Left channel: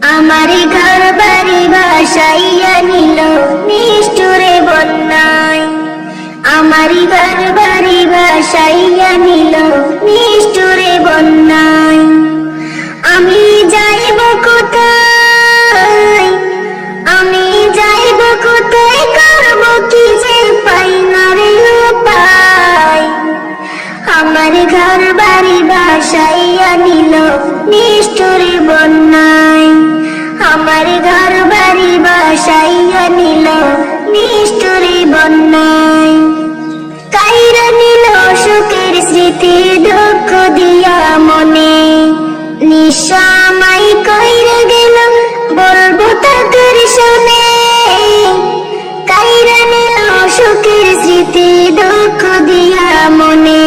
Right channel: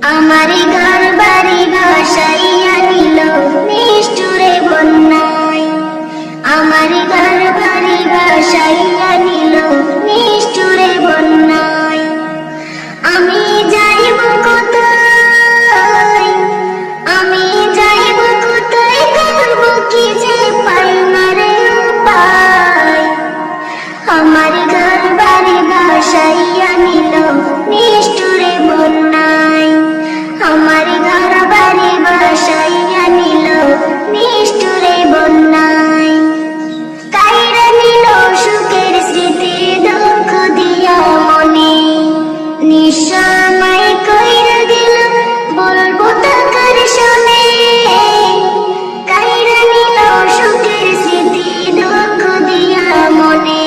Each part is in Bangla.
আমার ঘর বাড়ি ভাসাইয়া নিল নিষ্ঠুরে বন্যায়। আমার ঘর বাড়ি ভাসাইয়া নিল নিষ্ঠুরে বন্যায়। আমি যাইব কোথায়, আমি যাইব কোথায়, করব কি যে পাই না রে উপায়। আমার ঘর বাড়ি ভাসাইয়া নিল নিষ্ঠুরে বন্যায়। আমার ঘর বাড়ি ভাসাইয়া নিল নিষ্ঠুরে বন্যায়। কাইরা নিল সুখের স্মৃতি দুঃখ দিয়া মনে, নিঃস্বামাই কইরা গেল বলবো তাদের শুনে। কাইরা নিল সুখের স্মৃতি দুঃখ দিয়া মনে,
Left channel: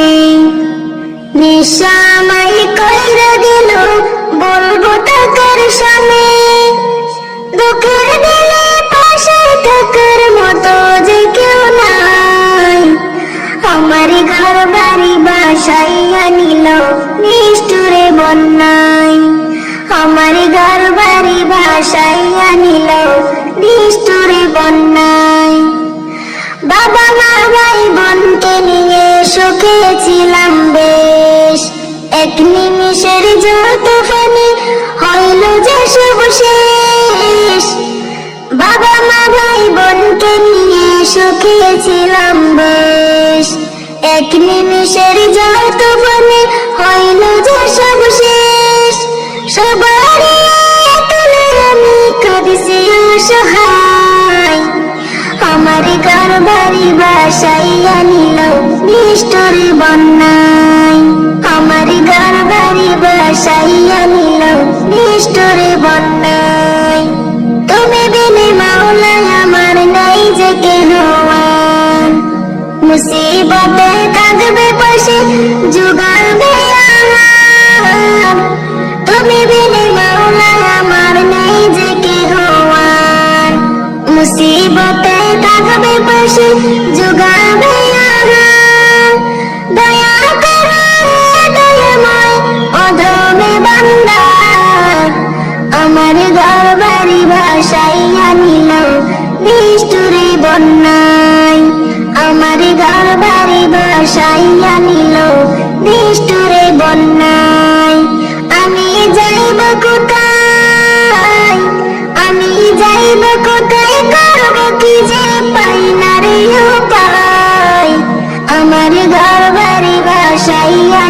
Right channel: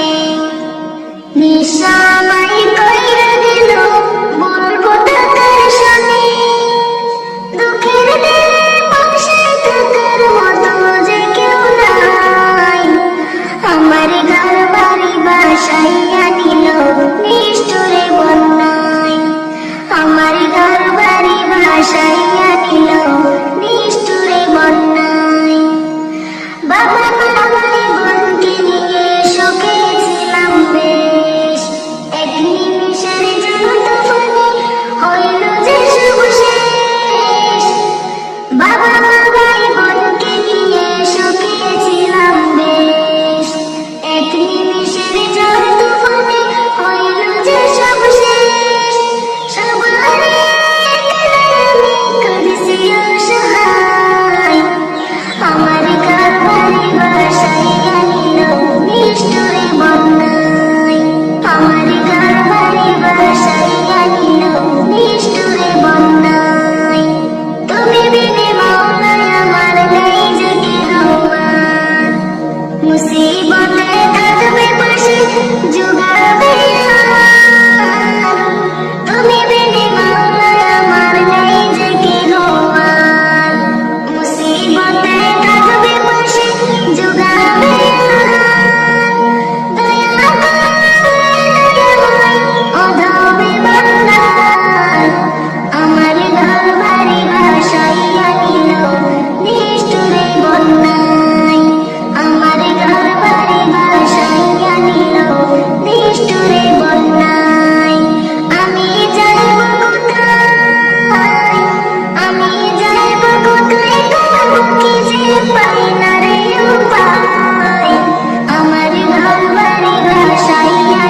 নিঃস্বামাই কইরা গেল বলবো তাদের শুনে। দুঃখের দিনে পাশে থাকার মতো যে কেউ নাই। আমার ঘর বাড়ি ভাসাইয়া নিল নিষ্ঠুরে বন্যায়। আমার ঘর বাড়ি ভাসাইয়া নিল নিষ্ঠুরে বন্যায়। বাবা মা ভাই বোনকে নিয়ে সুখে ছিলাম বেশ, এক নিমিষের যত ফানি হইল যে সব শেষ। বাবা মা ভাই বোনকে নিয়ে সুখে ছিলাম বেশ, এক নিমিষের যত ফানি হইল যে সব শেষ। সবারই তুলে আমি কাঁদছি অসহায়। আমার ঘর বাড়ি ভাসাইয়া নিল নিষ্ঠুরে বন্যায়। আমার ঘর বাড়ি ভাসাইয়া নিল নিষ্ঠুরে বন্যায়। তুমি বিনে মাওলা আমার নাই যে কেহ আর, মুসিবতে থাকবে পাশে জুগাবে আহার। তুমি বিনে মাওলা আমার নাই যে কেহ আর, মুসিবতে থাকবে পাশে জুগাবে আহার। দয়া করে দয়াময় অধমে বান্দা, আমার ঘর বাড়ি ভাসাইয়া নিল নিষ্ঠুরে বন্যায়। আমার ঘর বাড়ি ভাসাইয়া নিল নিষ্ঠুরে বন্যায়। আমি যাইব কোথায়, আমি যাইব কোথায়, করব কি যে পাই না রে উপায়। আমার ঘর বাড়ি ভাসাইয়া